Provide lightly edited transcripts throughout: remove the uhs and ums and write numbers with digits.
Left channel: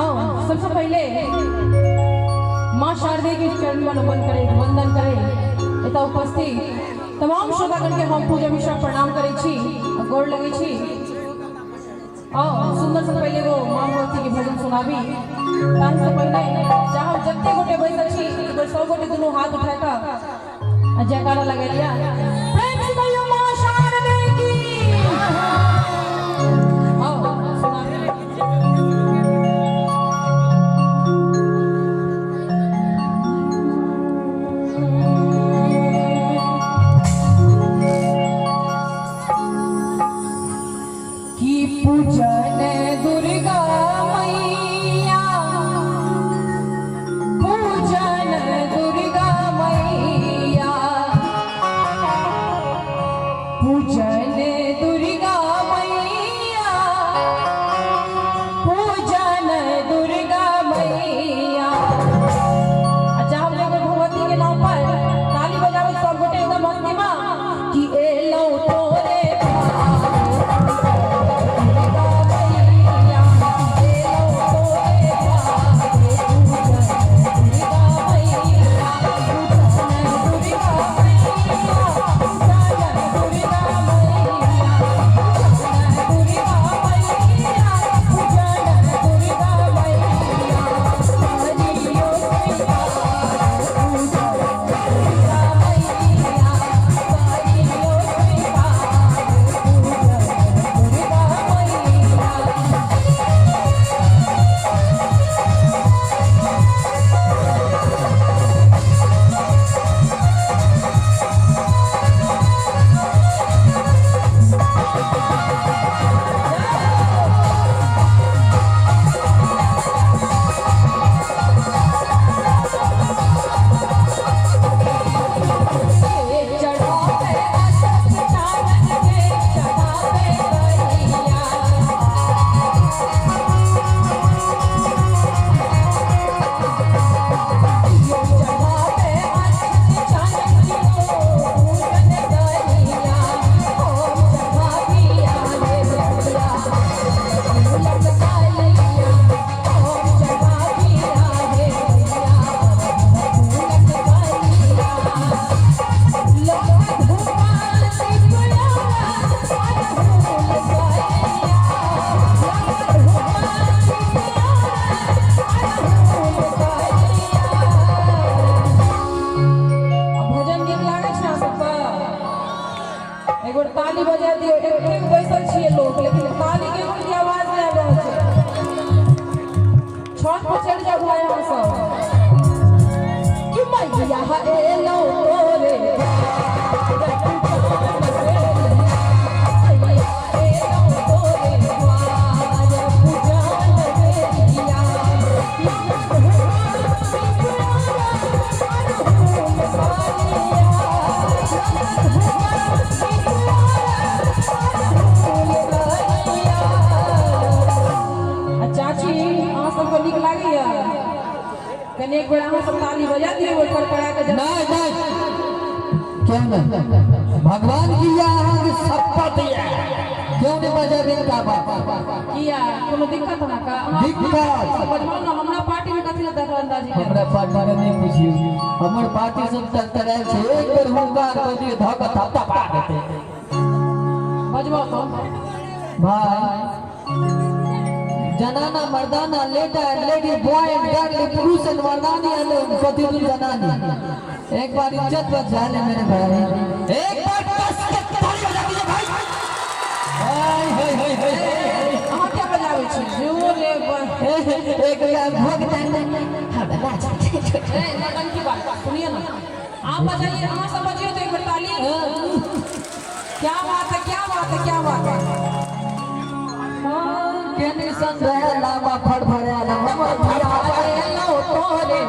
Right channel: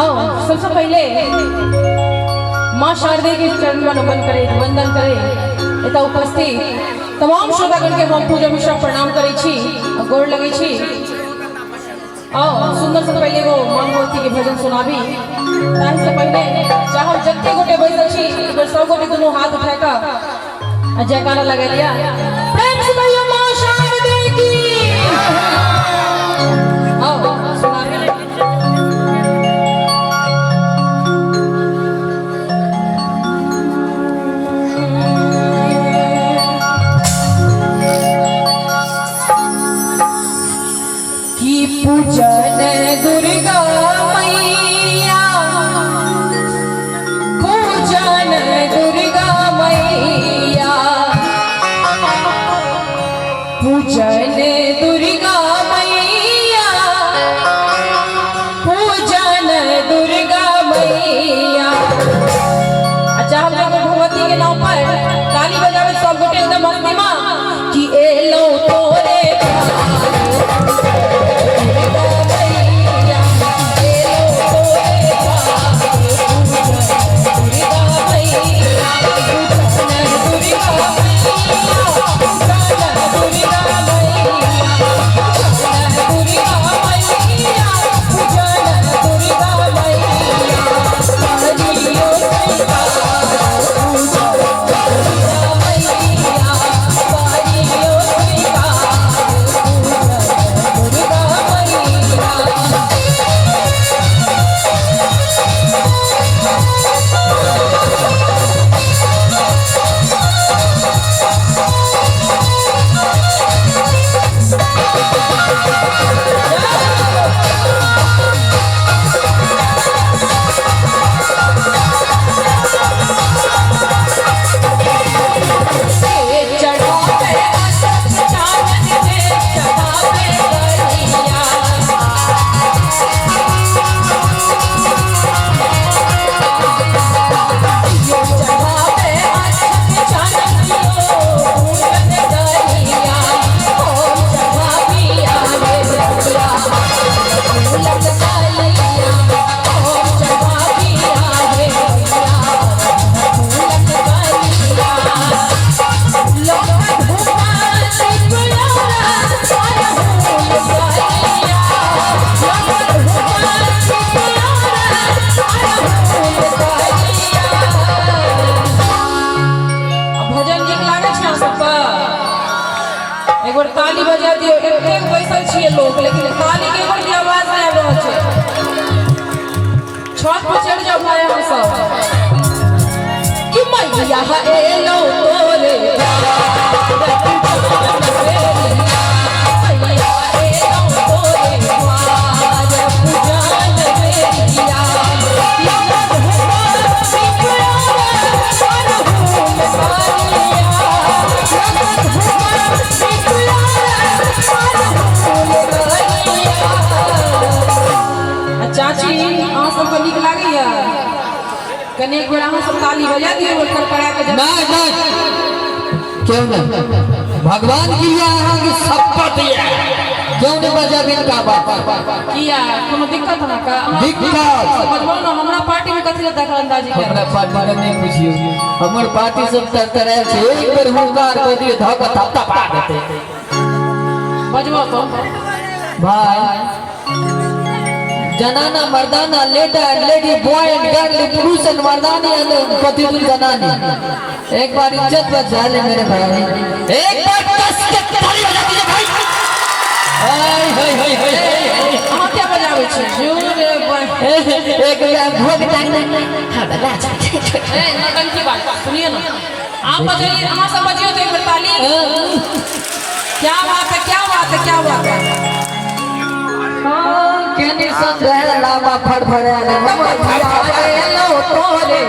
आओ सबसे पहले माँ शारदे के चरण में नमन करे वंदन करे एता उपस्थित तमाम श्रोतागण के हम पूजा मिश्रा प्रणाम करे छी गोड़ लगे छी। आओ सुंदर से पहले वो माँ भगवती के भजन सुनाबी ताहि से पहले चाहे जत्ते गोटे बैठल छी इधर सब गोटे दोनों हाथ उठा का जयकारा लगा लिया प्रेम से भैया माँ शारदे की। आओ सुनाबी पूजन दुर्गा मैया पूजन दुर्गा मैया पूजन दुर्गा मैया पूजन दुर्गा मैया। अच्छा हम लोग भगवती के नाम पर ताली बजावे सब गोटे एकदम मस्ती में कि एलो तोरे ताली बजा दियो एक बैसल छिए लोग लेकिन ताली के ऊपर आवाज नहीं आ रहा है। छत पर चढ़ जाओ भाई हम सब कि मैया एलो तोरे कने एक बड़ा सब ताली बजा दिए और कड़कड़ा के क्यों ना भगवान की यहाँ की शपथ है क्यों नहीं बजा बिन का बात किया कोनो दिक्कत ना का दिक्कत बोल ना हमरा पार्टी में कथि दखल अंदाजी कर हमरा पार्टी में नहीं पूछियो हमर पार्टी सब तरह से एक बार हुंकार कर दिए धक थप्पा पा देते बजवा तो भाई जनाना मर्दाना लेडी बॉय एंड गर्ल पुरुष एंड मर्दानी एंड पति जनानी एक बार इज्जत बचा ले मेरे भाई एक बार कस के ताली बजा दीजिए भाई हाय हाय हाय हाय हम क्या बजावे छे जोर रे एक बार भोग टांगना हां बजा ए नटन की बात सुनिए ना आप बजाइए हम सब बजियो तो एक बार ताली क्या बात है क्या बात है क्या बात है केनी संदेह लामा फड़फड़े आने नमः लो तोरे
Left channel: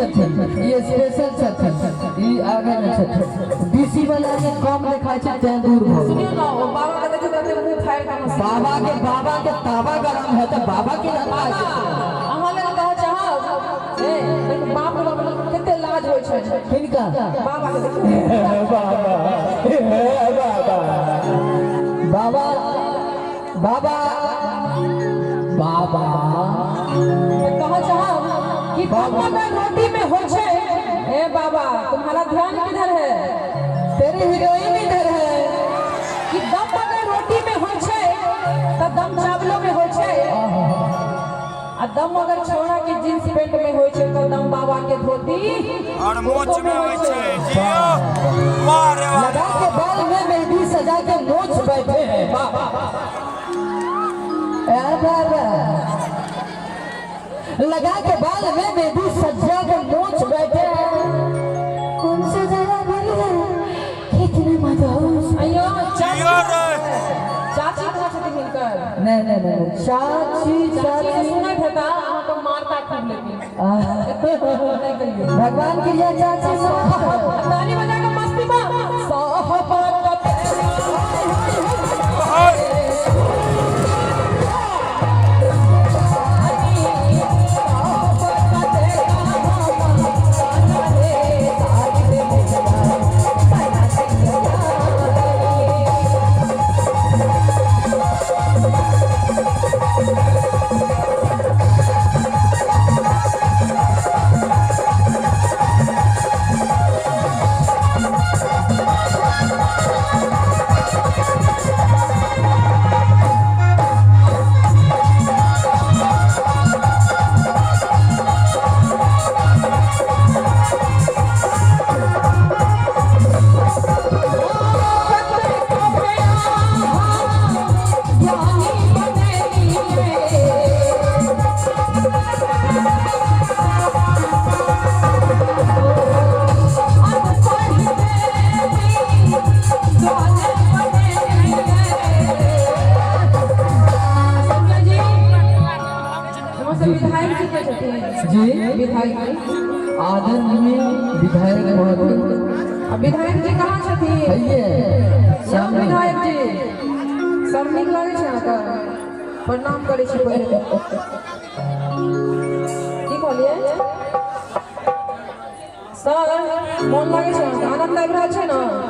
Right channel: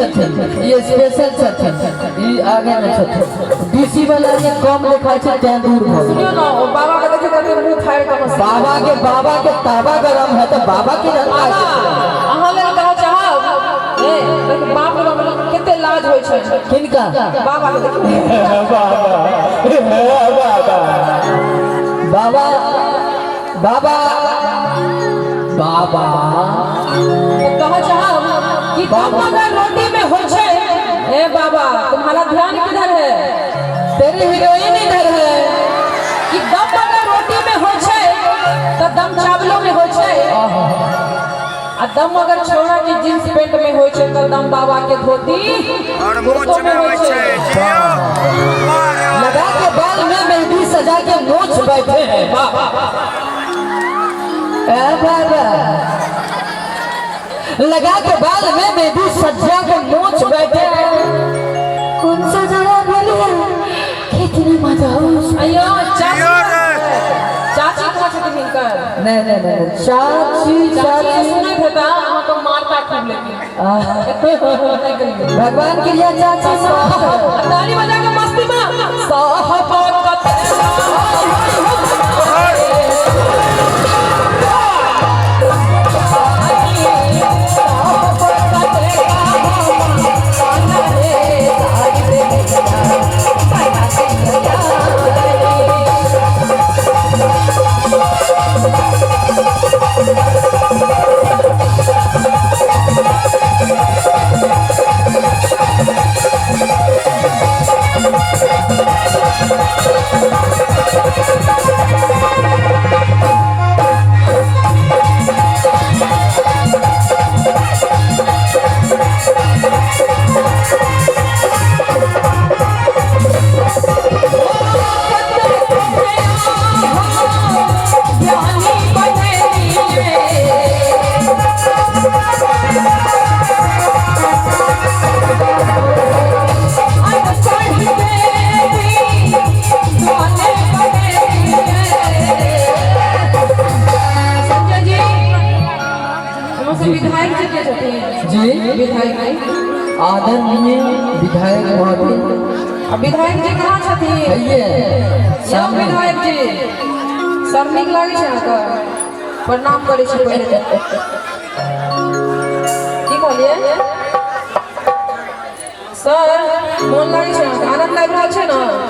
छथिन ये स्पेशल छथिन ई आगे में छथिन डीसी वाला ये कम देखा छै तै दूर भ गेल सुनियो ना ओ बाबा के देखियो कते मुंह फाड़ के बस बाबा के ताबा गरम है तो बाबा की ना अहाँ ले कह चाहब ए बाप रे कते लाज होय छै किनका बाबा के देखियो बाबा बाबा बाबा कह चाहब कि दम अगर रोटी में हो छै ए बाबा तुम्हारा ध्यान किधर है तेरी हीरोइन इधर है कि दम अगर रोटी में हो छै तो दम चावलों में हो छै आ दम अगर छोड़ा के जींस पैंट में हो छै तो दम बाबा के धोती और मोच में होय छै लगा के बाल में मेहंदी सजा के मोछ बैठे हैं बाबा ए बाबा लगा के बाल में मेहंदी सजा के मोछ बैठे हैं कौन सा जगह बोलिए कितनी मजा अयो चाची चाची कहाँ छथिन हिनकर नहीं चाची चाची सुनै भेता अहाँ तो मारता खूब लेकिन भगवान के लिए चाची ताली बजा के मस्ती में साहबा विधायक जी के छथिन जी विधायक आदरणीय विधायक महोदय अब विधायक जी कहाँ छथिन आइए सब विधायक जी सर नीक लागे छै अहाँके प्रणाम करै छी पहिले की कहलिए सर मोन लागे छै अहाँके आनंद लागि रहल छै ने